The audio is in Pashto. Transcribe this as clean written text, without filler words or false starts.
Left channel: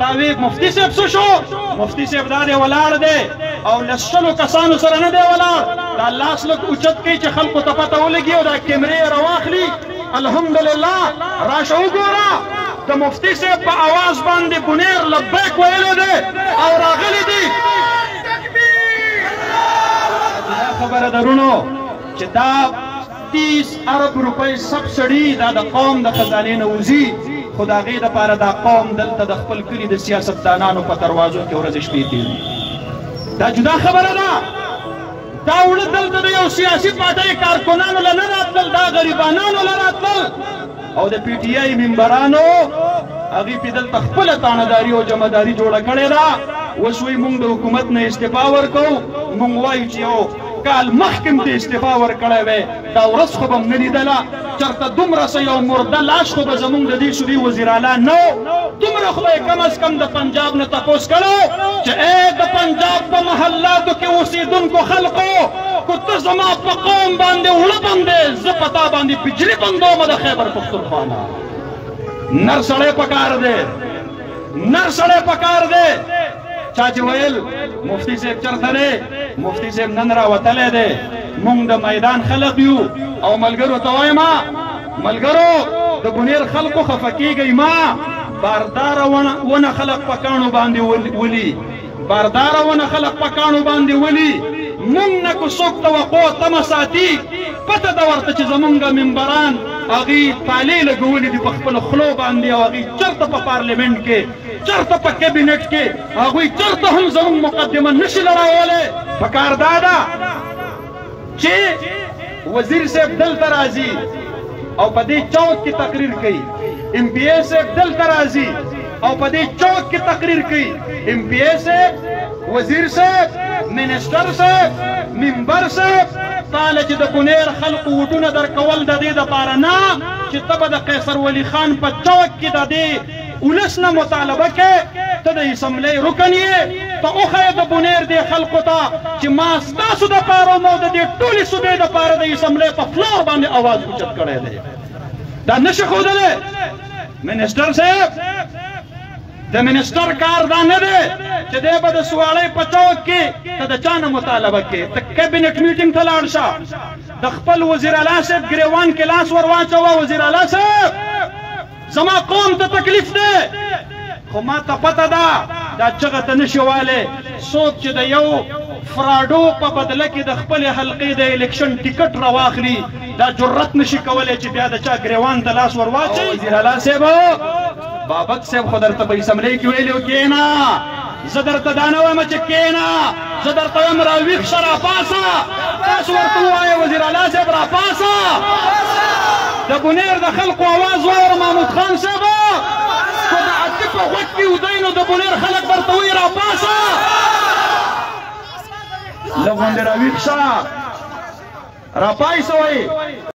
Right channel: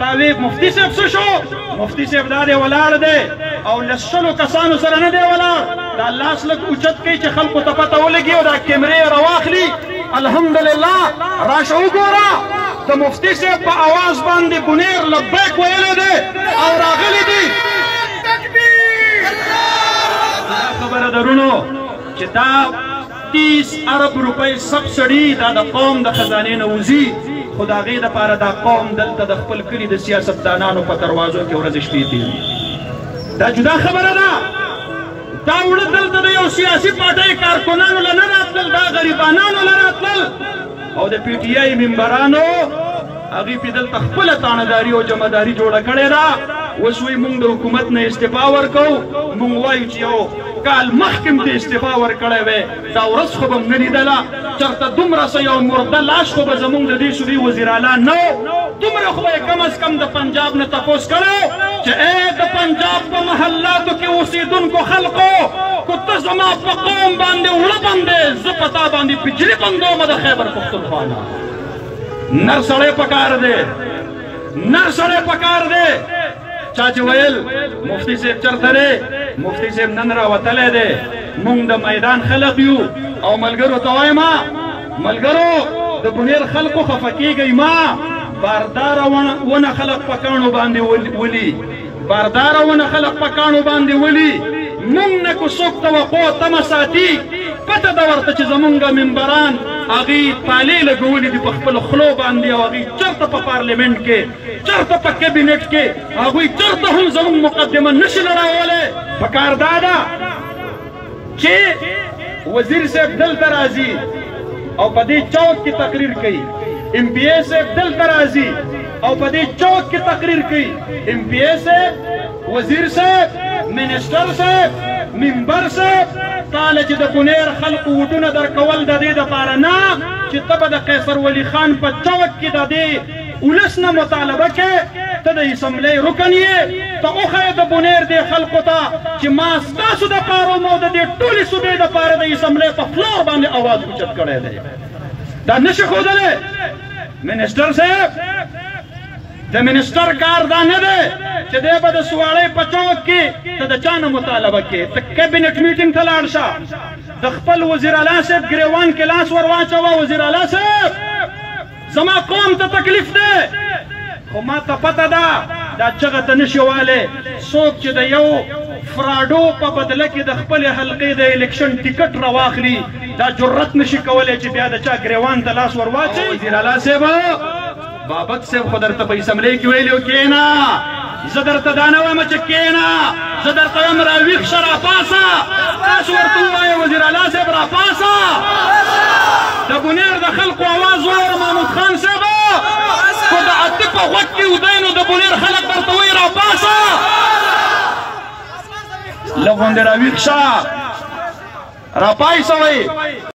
تاوی مفتی صاحب څه شو؟ مفتی صاحب دا دی ولاړ دی او له شلو کسانو سره نه دی ولاړ، دا لاس لږ اوچت کوي چې خلکو ته پته ولګي او دا کیمرې راواخلي. الحمدلله راشه وګوره د مفتی صاحب په اواز باندې بنیر لبیک ویلی دی او راغلی دی. دا خبره درونو چې دا 30 ارب روپۍ سبسډي دا د قوم د خزانې نه وځي، خو د هغې دپاره دا قوم دلته د خپل کلي د سیاستدانانو په دروازو کې ورځې شپې تېري. دا جدا خبره ده. دا وړه دلته د یو سیاسي پارټۍ کارکنانو له نه راتلل، دا غریبانانو له راتلل او د پی ټي آی ممبرانو هغوی پې دلته خپله تانهداري او جمعداري جوړه کړې ده. اوس وایي موږ د حکومت نه استعفا ورکوو، موږ وایو چې یو کال مخکې م ته استعفا ورکړی وی، دا ورځ خو به م نه لیدله، چېرته دومره څه یو مرده لاش خو به زموږ د دې صوبې وزیر اعلی نه و. دومره خو به یې کم از کم د پنجاب نه تپوس کړی چې ای د پنجاب په محلاتو کې اوسېدونکو خلقو که ته زما په قوم باندې وړه بندې، زه په تا باندې بجلي بندومه د خیبر پښتونخوا نه. نر سړی پکار دی، نر سړی پکار دی. چا چې ویل مفتی صاحب چېرته دی، مفتی صاحب نن راوتلی دی، موږ د میدان خلق یو او ملګرو ته وایم ملګرو د بونیر خلکو خفه کېږئ مه، بارداره ونه خلق په کاڼو باندې ولي، بارداره ونه خلق په کاڼو باندې ولي. موږ نه که څوک توقع تمه ساتي، پته ده ورته چې زمونږ ممبران هغوی پالې لګولي دي په خپل خلو باندې او هغوی چېرته په پارلیمنټ کې، چېرته په کابینټ کې هغوی چېرته هم زموږ مقدمه نشي لړولی. پکار دا ده چې وزیر صاحب دلته راځي او په دې چوک کې تقریر کوي، ام پی اے صاحب دلته راځي او په دې چوک کې تقریر کوي، ام پی اے صاحب، وزیر صاحب، منسټر صاحب، ممبر صاحب، تاله چې د بونیر خلقو وډونه درکول د دې دپاره نه چې ته به د قیصر ولی خان په چوک کې د دې ولس نه مطالبه کې، ته د اسمبلۍ رکن یې، ته وښیه د بونیر دې خلقو ته چې ما ستاسو دپاره مو د دې ټولې صوبې دپاره د اسمبلۍ په فلور باندې اواز اوچت کړی دی. دا نشي ښودلی. منسټر صاحب د منسټر کار دا نه دی چې دی به د سوالۍ په چوک کې ته د چا نه مطالبه کې، ته کابینټ میټینګ ته لاړ شه، د خپل وزیر اعلی صاحب ګریوان کې لاس ور واچوه، وزیر اعلی صاحب زما قوم ته تکلیف دی، خو ما ته پته ده دا چغه ته نشي والی. څوک چې د یو فراډو په بدله کې د خپلې حلقې د الیکشن ټیکټ راواخلي، دا جرت نشي کولی چې بیا د چا ګریوان ته لاس ور واچي. وزیر اعلی صاحب بابک صاحب خو درته په اسمبلۍ کې ویلي و کېنه، زه درته دا نه وایم چې کېنه، زه درته وایم راویښ شه راپاسه. تاسو ورته ووایه وزیر اعلی صاحب راپاسه، د بونیر د خلقو اواز واوره محمود خان صاحب، خو د اته په غوږ کې ودی نو د بونیر خلک درته وایي راپاسه، لږ غوندې راویښ شه راپایسه وایي.